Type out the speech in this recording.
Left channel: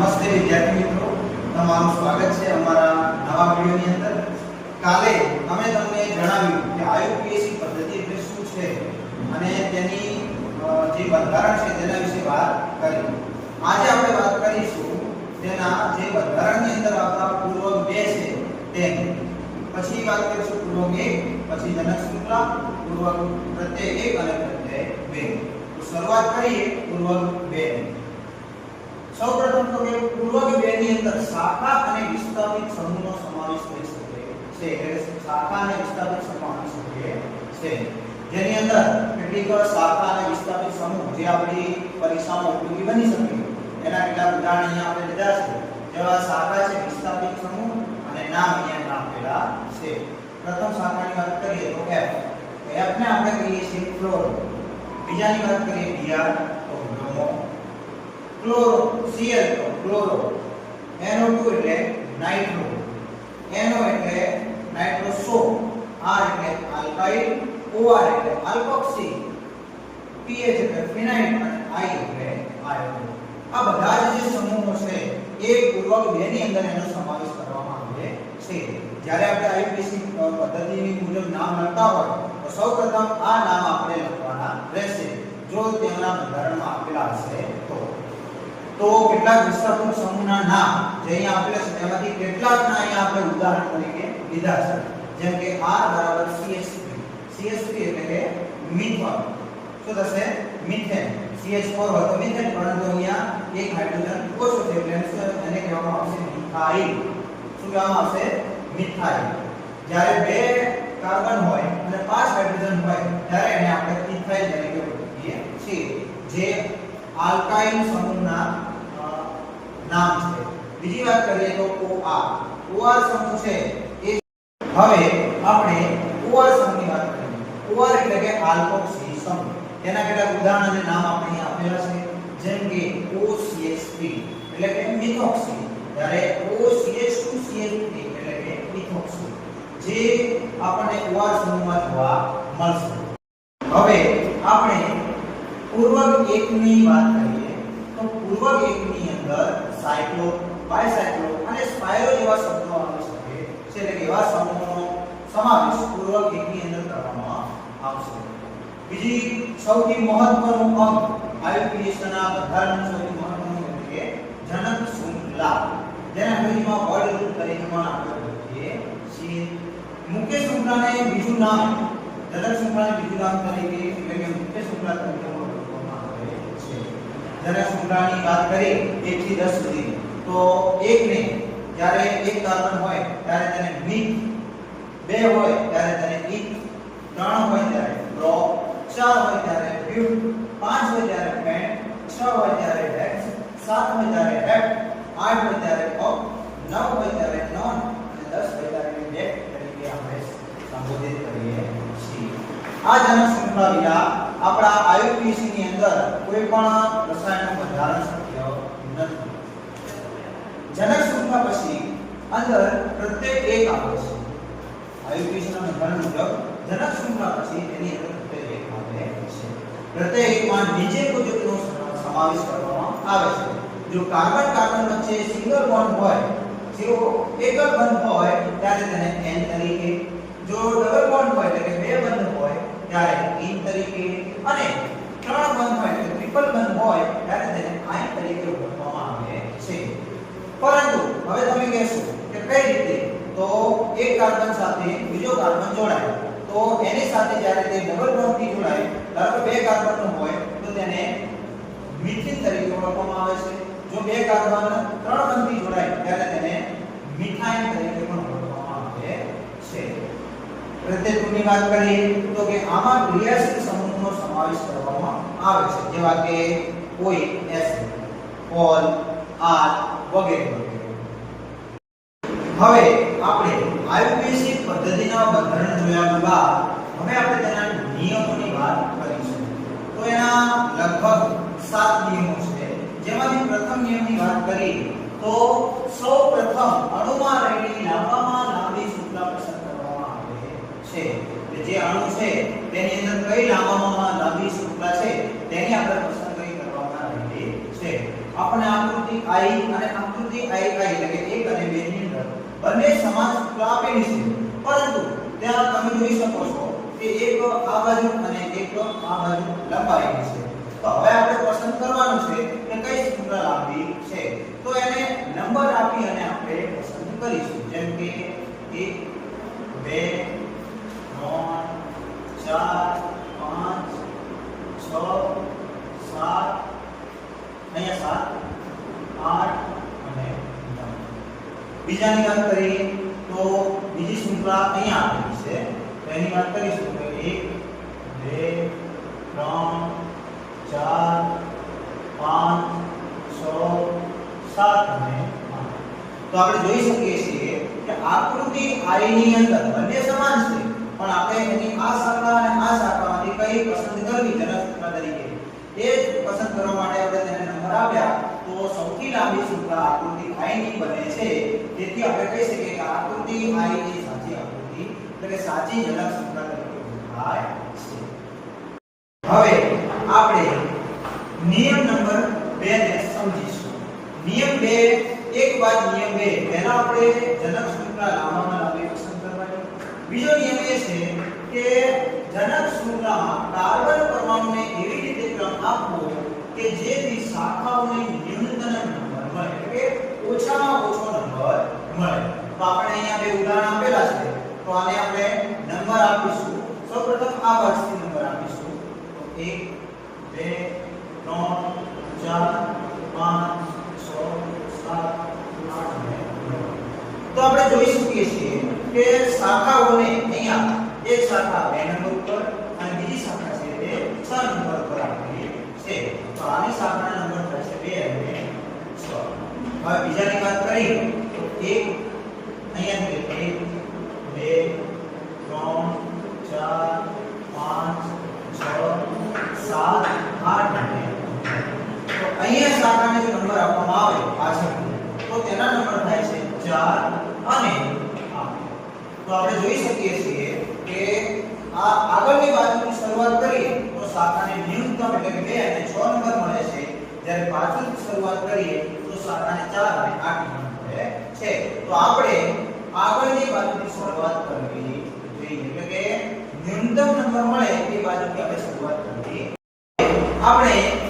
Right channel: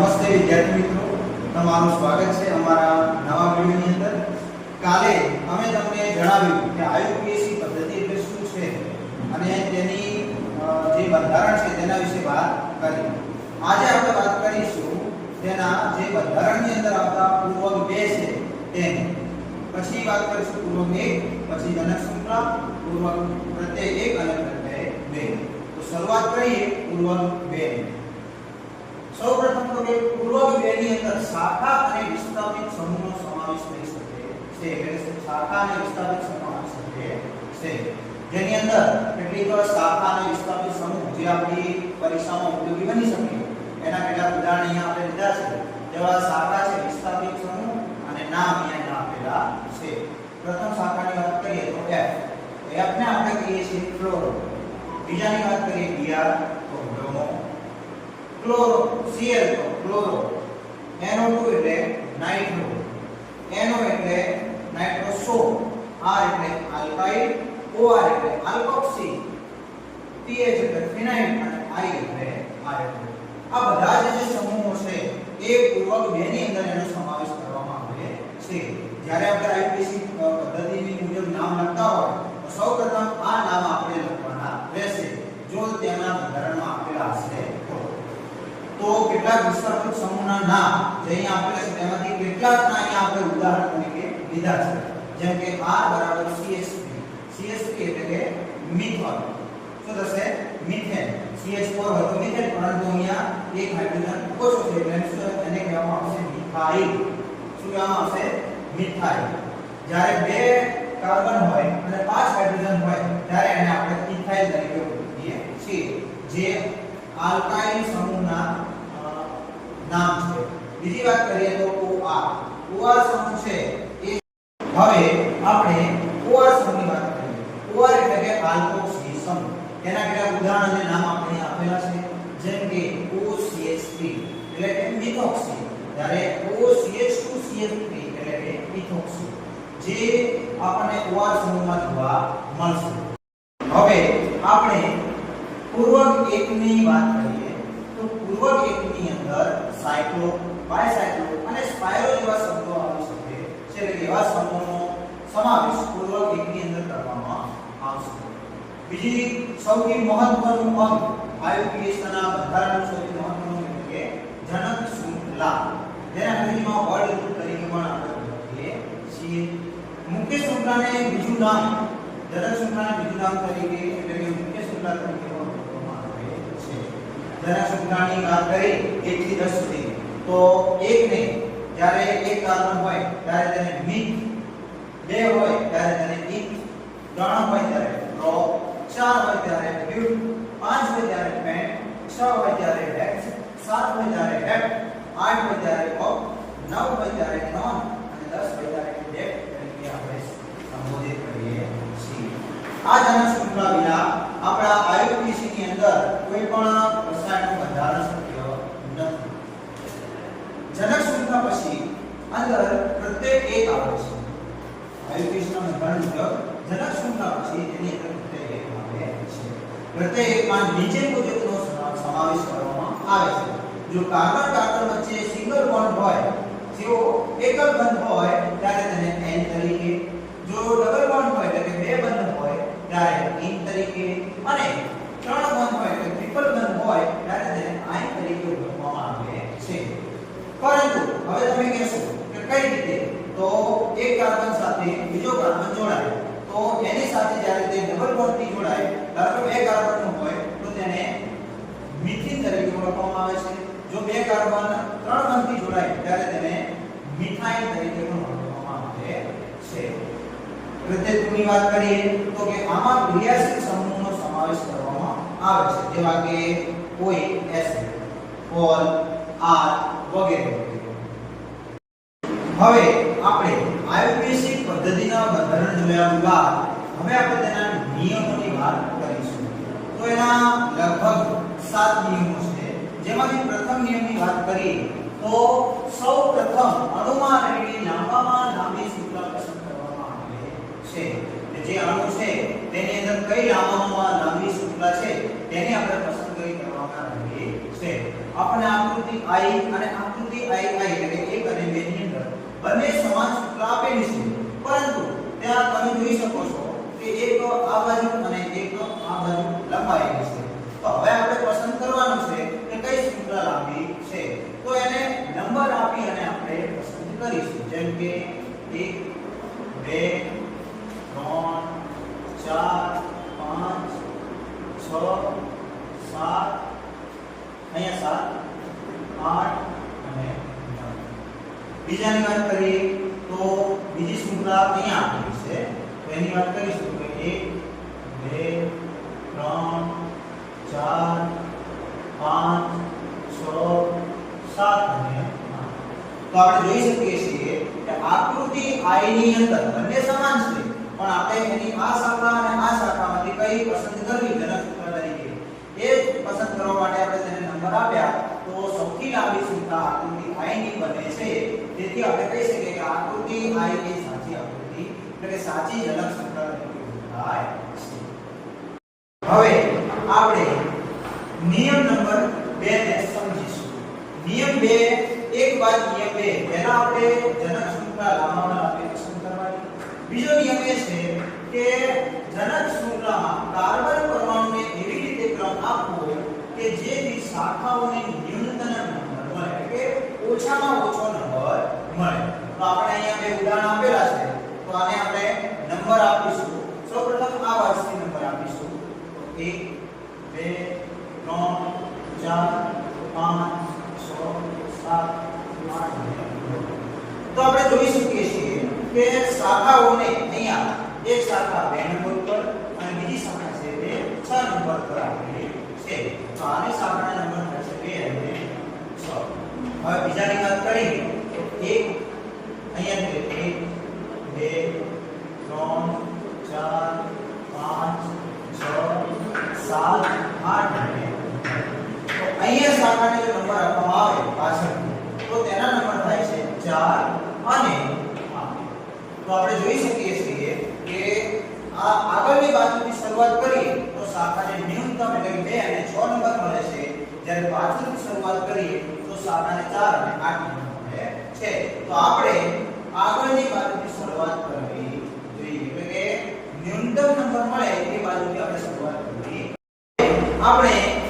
નમસ્તે વિદ્યાર્થી મિત્રો તમારું સ્વાગત છે અમારા નવા વિડીયોની અંદર કાલે અમે તમને જણાવ્યું કે આયુપીએસી પદ્ધતિ એટલે શું છે અને તેની જે બંધારણ છે તેના વિશે વાત કરી આજે આપણે વાત કરીશું તેના જે બંધારણની અંદર આપણા પૂર્વ બે છે તે પછી વાત કરીશું પૂર્વક એક પછી જનક સૂત્ર પૂર્વક પ્રત્યય એક અને પ્રત્યય બે તો શરૂઆત કરીએ પૂર્વ બે ની પૂર્વક બે ની અંદર શાખા અને વિસ્થાપિત સમૂહનો સમાવેશ થઈ શકે છે એટલે શાખા અને વિસ્થાપિત સમાવી શકે છે જેની અંદર કેટલીક શાખા અને વિસ્થાપિત સમૂહ જે આપણી પરીક્ષામાં ઉપયોગી બની શકે એના કેટલાક ઉદાહરણ અહીંયા આપણે લીધા છે જેવા શાખા છે વિસ્થાપિત સમૂહ અને નામ અહીંયા આપેલા છે પ્રથમ શાખાની વાત કરીએ તો f f ને આપણે કહીએ છીએ ફ્લોર બીજાની વાત કરીએ dr ક્લોરો Cl નો ક્લોરો NO2 એટલે નાઇટ્રો NO એટલે નાઇટ્રો સો R એટલે આલ્કાઇલ OR એટલે આલ્કોક્સી PH એટલે ફિનાઇલ અને I એટલે આયોડો આ બધા જે સમૂહો છે એ પૂર્વક બે ની અંદર એનો સમાવેશ કરવામાં આવે છે જ્યારે આપણે IPC પદ્ધતિની મુજબ નામ લખતા હોય તો સૌપ્રથમ આ નામ આપણે લખવાના રહેશે જો તેમના બંધારણમાં આપેલા કેટલા વિસ્તારનો સમૂહના નામ જે અહીં આપેલા છે તેમાંથી કેટલા કેટલાકના અહીં આપણે ઉદાહરણ તરીકે લીધા છે જેમ કે R બરાબર CH3 CH3 એટલે કે મિથેન તો થશે મિથેન CH4 હોય તો મિથેન પરંતુ અહીંયા એક હાઇડ્રોજન ઓછો છે એટલે એને કહેવામાં આવશે મિથાઇલ શું કહેવામાં આવશે મિથાઇલ જ્યારે બે કાર્બન હોય અને પાંચ હાઇડ્રોજન હોય ત્યારે એને આપણે ઇથાઇલ તરીકે ઓળખીએ છીએ જે આલ્કાઇન સમૂહના નામ છે બીજી વાત કરીએ તો OR OR સમૂહ છે એ હવે આપણે OR સમૂહની વાત કરીએ OR એટલે કે આલ્કોક્સી સમૂહ એના કેટલાક ઉદાહરણ અને નામ આપણે આપેલા છે જેમ કે OCH3 એટલે કે મિથોક્સી જ્યારે OCH2CH3 એટલે કે મિથોક્સી જે આપણને OR સમૂહમાં જોવા મળશે હવે આપણે પૂર્વક ની વાત કરીએ તો પૂર્વક ની અંદર સાયક્લો બાયસાયક્લો અને સ્પાયરો જેવા શબ્દો આવે છે એટલે કે એવા સમૂહનો સમાવેશ પૂર્વક એકની અંદર કરવામાં આવશે બીજી સૌથી મહત્વનું અંગ આયુપીએસના બંધારણ સૌથી મહત્વનું એટલે કે જનક શૃંખલા જેને અંગ્રેજીમાં વર્લ્ડ રૂલ તરીકે પણ આપણે કહીએ છીએ મુખ્ય શૃંખલાને બીજું નામ જનક શૃંખલાને બીજું નામ તરીકે એટલે કે મુખ્ય શૃંખલા ધન શુક્લાની વાત કરી 1 થી 10 સુધી તો 1 ને જ્યારે એક કાર્બન હોય ત્યારે તેને મિક 2 હોય ત્યારે તેને ઇક 3 હોય ત્યારે પ્રો 4 હોય ત્યારે પ્યુટ 5 હોય ત્યારે પેન્ટ 6 હોય ત્યારે ડેક્સ 7 હોય ત્યારે હેટ 8 હોય ત્યારે ઓફ 9 હોય ત્યારે નોન અને 10 હોય ત્યારે ડેક તરીકે આપણે સંબોધિત કરીએ છીએ આ જનક શૃંખલા વિના આપણા આયુર્વેદ ની અંદર કોઈ પણ રસાયણનું બંધારણ શક્ય નથી જનક શૃંખલા પછી અંદર પ્રત્યેક એક આવે છે આયુર્વેદના બંધારણ મુજબ જનક શૃંખલા પછી તેની અંદર પ્રત્યેક એક આવે છે પ્રત્યેક એકમાં નીચે મુજબનો સમાવેશ કરવામાં આવે છે જો કાર્બન કાર્બન વચ્ચે સિંગલ બોન્ડ હોય જો એકલ બંધ હોય ત્યારે તેને એન તરીકે જો ડબલ બોન્ડ હોય એટલે કે બે બંધ ત્યારે ઇન તરીકે અને ત્રણ બંધ હોય એટલે ટ્રિપલ બંધ હોય ત્યારે તેને આયન તરીકે ઓળખવામાં આવે છે પરંતુ હવે તમે કહેશો કે કઈ રીતે તો એક કાર્બન સાથે બીજો કાર્બન જોડાય તો એની સાથે જ્યારે તે ડબલ બોન્ડથી જોડાય ધારો બે કાર્બનનું હોય તો તેને મિથિન તરીકે ઓળખવામાં આવે છે જો બે કાર્બન ત્રણ બંધથી જોડાય ત્યારે તેને મિથાઇન તરીકે પણ ઓળખવામાં આવે છે પ્રત્યયની વાત કરીએ તો કે આમાં ક્રિયાશીલ સમૂહનો સમાવેશ કરવામાં આવે છે જેવા કે કોઈ એસ ઓલ આર વગેરે હવે આપણે આયુર્વેદિક પદ્ધતિના બંધારણ જોયા બાદ હવે આપણે તેના નિયમોની વાત કરીશું તો એના લગભગ સાત નિયમો છે જેમાંથી પ્રથમ નિયમની વાત કરીએ તો સૌ પ્રથમ અણુમાં રહેલી લાંબામાં છે જે અણુ છે તેની અંદર કઈ લાંબામાં લાંબી શૃંખલા છે તેની આપણે પસંદ પસંદગી કરવામાં આવેલી છે આપણે આકૃતિ I અને આકૃતિ II એટલે કે 1 અને 2 ની અંદર બંને સમાન શૃંખલા આપેલી છે પરંતુ ત્યાં તમે જોઈ શકો છો કે એક આ બાજુ અને એક આ બાજુ લંબાવેલી છે તો હવે આપણે પસંદ કરવાનું છે કે કઈ શૃંખલા લાંબી છે તો એને નંબર આપી અને આપણે પસંદ કરીશું જેમ કે 1 2 1 2 3 4 5 6 7 અહીં 7 8 અને 9 બીજા નિગર કરે તો બીજી સંખ્યા અહીં આવી છે તો એની વાત કરીશું તો 1 2 3 4 5 6 7 અને 8 તો આપણે જોઈ સકીએ છીએ કે આકૃતિ i ની અંતર એટલે સમાન છે તો સૌથી લાંબી શૃંખલા આકૃતિ i ની બને છે જેથી આપણે કહી શકીએ કે આકૃતિ i ની સાચી આકૃતિ એટલે કે સાચી જનક શૃંખલા તરીકે ઓળખાય છે હવે આપણે નિયમ નંબર 2 ને સમજીશું નિયમ 2 એક વાત નિયમ 2 પહેલા આપણે જનક શૃંખલા લાંબામાં લાંબી પસંદ કરવાની બીજો નિયમ એ છે કે જનક શૃંખલામાં કાર્બન પરમાણુને એવી રીતે ક્રમ આપવો કે જેથી શાખાઓને ન્યૂનતમ નંબર મળે એટલે કે ઓછામાં ઓછો નંબર મળે તો આપણે અહીંયા બે ઉદાહરણ આપેલા છે તો આને આપણે નંબર આપીશું સૌપ્રથમ આ વર્ષથી નંબર આપીશું તો 1 2 3 4 5 6 7 8 તો આપણે જોઈ શકીએ છીએ કે શાખાઓને અહીંયા એક શાખા બે નંબર ઉપર અને બીજી શાખા છે તે 6 નંબર પર આપેલી છે આને સાંકળના નંબર કહી છે એટલે સો હવે બીજાની વાત કરીએ તો એક અંખ્યાક બે ત્રણ ચાર પાંચ છ 7 8 એટલે તો અહીંયા સાંકળનો નંબર આપણો આવે આ છે તો એનો નંબર થાય છે 4 અને આપો તો આપણે જોઈ શકીએ છીએ કે આ આગળની બાજુથી શરૂઆત કરીએ શાખાને ન્યૂનતમ એટલે કે 2 અને 6 નંબર મળે છે જ્યારે પાછળથી શરૂઆત કરીએ તો સાતાને ચાર અને 8 નંબર મળે છે તો આપણે આગળની બાજુની શરૂઆત કરવી જોઈએ એટલે કે ન્યૂનતમ નંબર મળે એ બાજુથી આપણે શરૂઆત કરવી આપણે